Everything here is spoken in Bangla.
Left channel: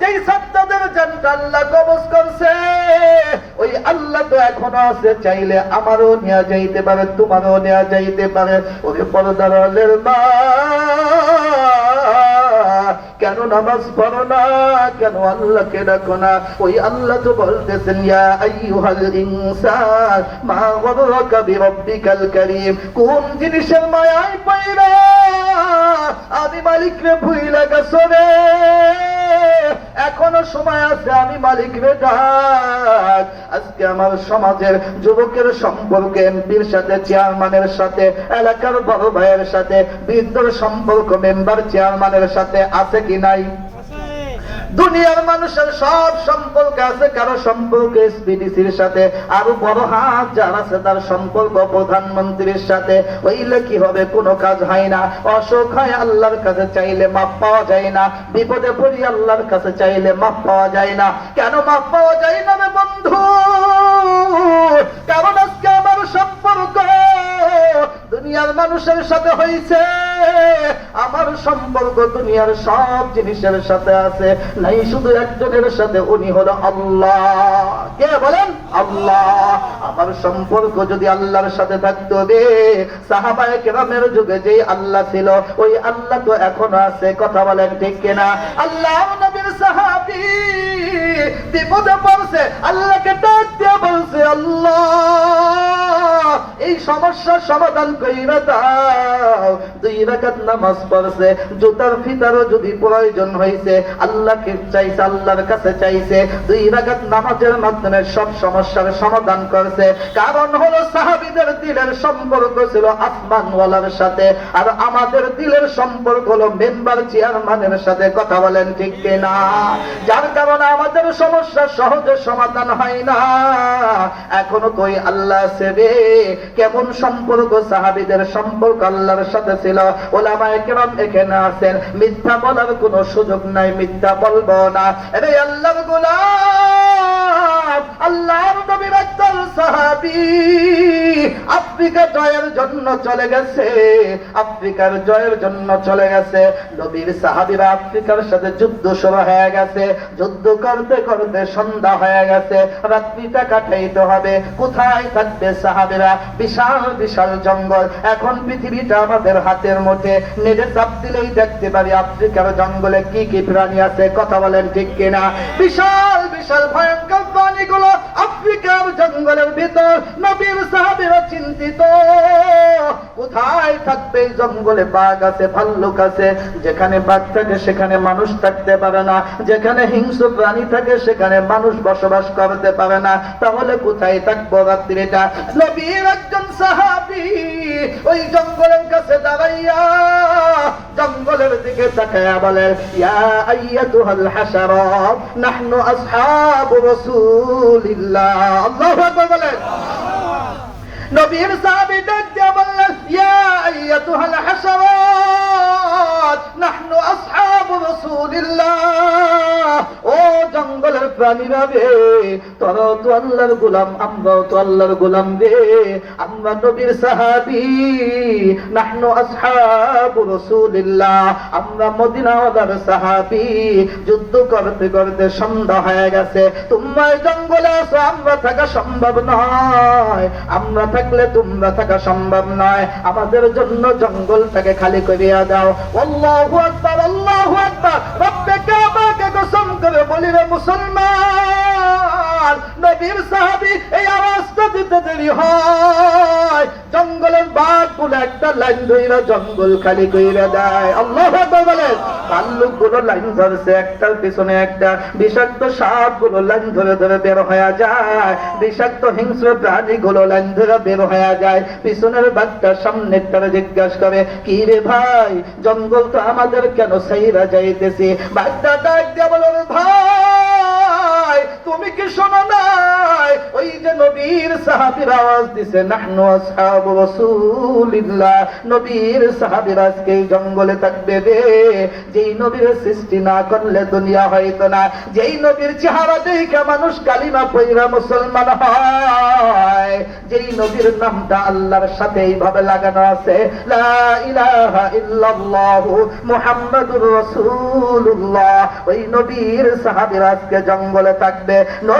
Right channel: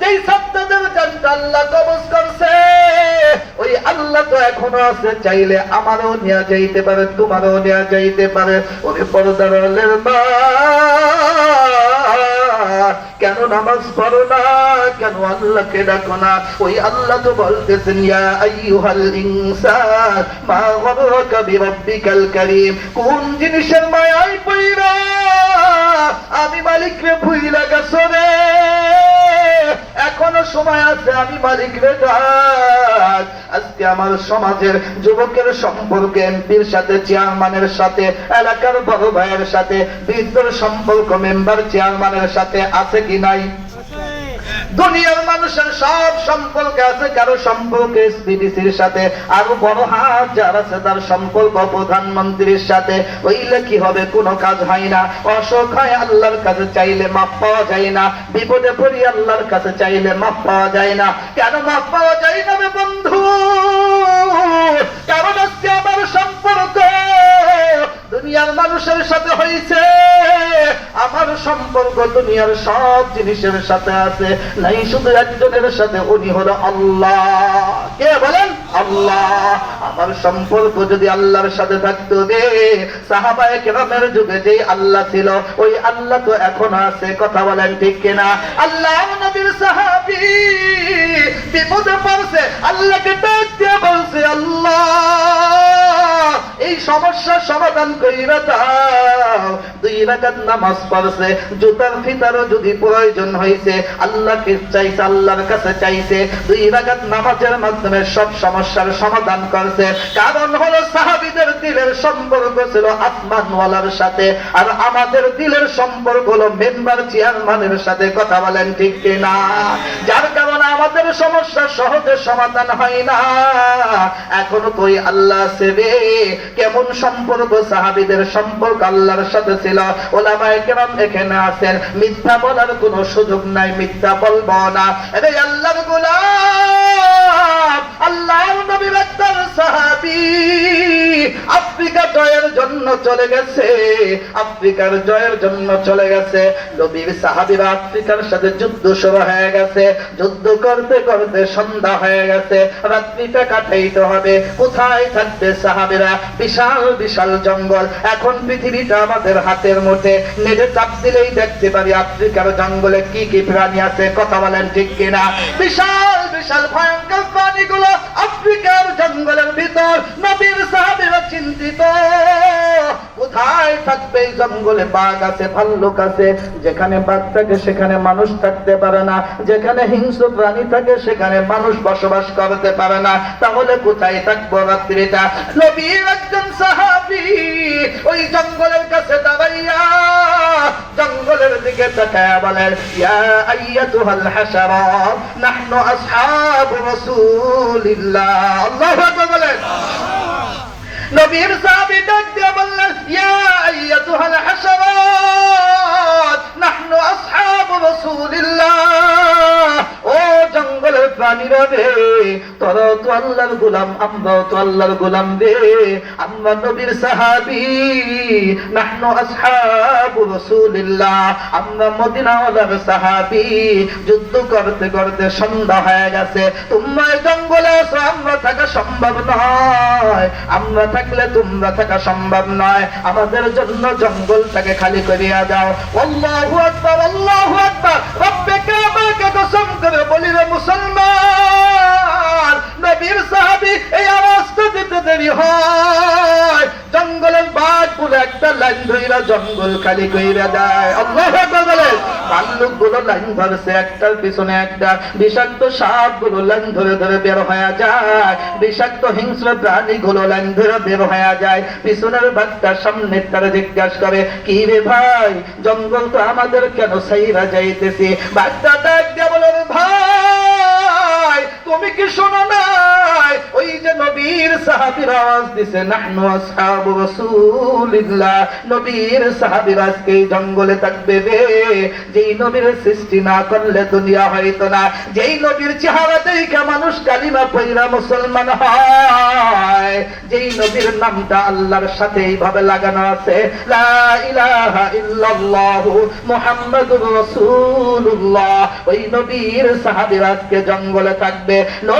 যেই সাদ্দাতের জানটা আল্লাহ কবজ করছে ওই আল্লাহ তো এখনো আছে, চাইলে আমারও নেওয়া যাইতে পারে, তোমারও নেওয়া যাইতে পারে। ওরে পর্দার আলের মা, কেন নামাজ পড়ো না, কেন আল্লাহকে ডাকো না? ওই আল্লাহ তো বলতেছেন ইয়া আইয়ুহাল ইনসান মা গররাকা বিরাব্বিকাল কারীম। কোন জিনিসের মায়ায় পড়া আমি মালিকরে ভুইলা গেছো রে? এখনো সময় আছে, আমি মালিকরে ডাক। আজকে আমার সমাজের যুবকের সম্পর্ক এমপির সাথে, চেয়ারম্যানের সাথে, এলাকার বড় ভাইয়ের সাথে, বৃদ্ধর সম্পর্ক মেম্বার চেয়ারম্যানের সাথে আছে কি নাই? দুনিয়ার মানুষের সব সম্পর্ক আছে, কারো সম্পর্ক এসপিডিসির সাথে, আরো বড় হাত যার আছে তার সম্পর্ক প্রধানমন্ত্রীর সাথে। হইলে কি হবে? কোনো কাজ হয় না। অসুখ হয় আল্লাহর কাছে চাইলে মাপ পাওয়া যায় না, বিপদে পড়ি আল্লাহর কাছে চাইলে মাপ পাওয়া যায় না। কেন মাপ পাওয়া যায় না রে বন্ধু? কারণ আজকে আমার সম্পর্ক দুনিয়ার মানুষের সাথে হয়েছে, আমার সম্পর্ক দুনিয়ার সব জিনিসের সাথে আছে। নাই শুধু একজনের সাথে, উনি হলো আল্লাহ। কে বলেন? আল্লাহ। আমার সম্পর্ক যদি আল্লাহর সাথে থাকতো রে, সাহাবায়ে কেরামের যুগে যেই আল্লাহ ছিল ওই আল্লাহ তো এখনো আছে। কথা বলেন ঠিক কিনা? আল্লাহ নবীর সাহাবী বিপদে পড়ছে, আল্লাহকে ডাক দিয়ে বলছে আল্লাহ এই সমস্যার সমাধান কইরা দাও। 2 রাকাত নামাজ পড়ছে, জুতার ফিতারও যদি প্রয়োজন হয়েছে আল্লাহকে চাইছে, আল্লাহর কাছে চাইছে। 2 রাকাত নামাজের মাধ্যমে সব সমস্যার সমাধান করছে। কারণ হলো সাহাবীদের দিলের সম্পর্ক ছিল আসমানওয়ালার সাথে, আর আমাদের দিলের সম্পর্ক হলো মেম্বার চেয়ারম্যানের সাথে। কথা বলেন ঠিক কিনা? যার কারণে আমাদের সমস্যা সহজে সমাধান হয় না। এখনো তো আল্লাহ সেবে। কেমন সম্পর্ক? সাহাবীদের সম্পর্ক আল্লাহর সাথে ছিল। ওলামায়ে কেরাম এখানে আছেন, মিথ্যা বলার কোনো সুযোগ নাই, মিথ্যা বলবো না। আরে আল্লাহর গোলাম, আল্লাহর নবী একজন সাহাবী আফ্রিকা জয়ের জন্য চলে গেছে, আফ্রিকার জয়ের জন্য চলে গেছে। নবীর সাহাবীরা আফ্রিকার সাথে যুদ্ধ শুরু হয়ে গেছে। যুদ্ধ করতে করতে সন্ধ্যা হয়ে গেছে, রাত্রিটা কাটাইতে হবে। কোথায় থাকবে সাহাবীরা? বিশাল বিশাল জঙ্গল। এখন পৃথিবীটা আমাদের হাতের মুঠে, নেটে চাপ দিলেই দেখতে পারি আফ্রিকার জঙ্গলে কি কি প্রাণী আছে। কথা বলেন ঠিক কিনা? বিশাল বিশাল ভয়ঙ্কর প্রাণীগুলো আফ্রিকার জঙ্গলের ভিতর। নবীর সাহাবীরা চিন্তিত, কোথায় থাকবে এই জঙ্গলে? বাঘ আছে, ভাল্লুক আছে। যেখানে বাঘ থাকে সেখানে মানুষ থাকতে পারে না, যেখানে হিংস্র প্রাণী থাকে সেখানে মানুষ বসবাস করতে পারে না। তাহলে কোথায় থাকবো রাত্রিটা? নবীর একজন সাহাবী ওই জঙ্গলের কাছে দাঁড়াইয়া জঙ্গলের দিকে তাকায়া বলে ইয়া আইয়াতুহাল হাশারা নাহনু আসহাবু রাসূলিল্লাহ। আল্লাহু আকবার বলেন। নবীর সাহাবী ডাক দিয়ে বললেন ইয়া আইয়াতুহাল হাশারাত নাহনু আসহাবু রাসূলিল্লাহ। ও জঙ্গলের প্রাণীরা রে, তোরা তো আল্লাহর গোলাম, আমরাও তো আল্লাহর গোলাম রে। আমরা নবীর সাহাবী, নাহনু আসহাবু রাসূলিল্লাহ, আমরা মদিনাওয়ালার সাহাবী। যুদ্ধ করতে করতে সন্ধ্যা হয়ে গেছে, তোমরা জঙ্গলে আছো, আমরা থাকা সম্ভব নয়। আমরা থাকলে তোমরা থাকা সম্ভব নয়। আমাদের জন্য জঙ্গলটাকে খালি করিয়া দাও। আল্লাহু আকবার, আল্লাহু আকবার। রব্বে কাবাকে কসম করে বলি রে মুসলমান, নবীর সাহাবী এই আওয়াজটা দিতে দেরি হয়, জঙ্গলের বাঘ বলে একটা লাইন ধইরা জঙ্গল খালি কইরা দেয়। আল্লাহু আকবার বলে। ভাল্লুকগুলো লাইন ধরছে, একটার পিছনে একটা। বিষাক্ত সাপগুলো লাইন ধরে ধরে বের হয়ে যায়, বিষাক্ত হিংস্র প্রাণীগুলো লাইন ধরে বের হয়ে যায়। পিছনের বাঘটা সামনেরটার জিজ্ঞাসা করে কি রে ভাই, জঙ্গল তো আমাদের কেন সাইরা যাইতেছে? বাঘটা ডাক দিয়ে বলে ভাই তুমি কি শোনো নাই, ওই যে নবীর সাহাবীরা আওয়াজ দিছে নাহনু আসহাবু রাসূলিল্লাহ, নবীর সাহাবীরা আজকে এই জঙ্গলে থাকবে রে। যেই নবীর সৃষ্টি না করলে দুনিয়া হইতো না, যেই নবীর চেহারা দেখে মানুষ কালিমা পড়া মুসলমান হয়, যেই নবীর নামটা আল্লাহর সাথে এইভাবে লাগানো আছে, লা ইলাহা ইল্লাল্লাহু মুহাম্মাদুর রাসূলুল্লাহ, ওই নবীর সাহাবীরা আজকে জঙ্গলে থাকবে।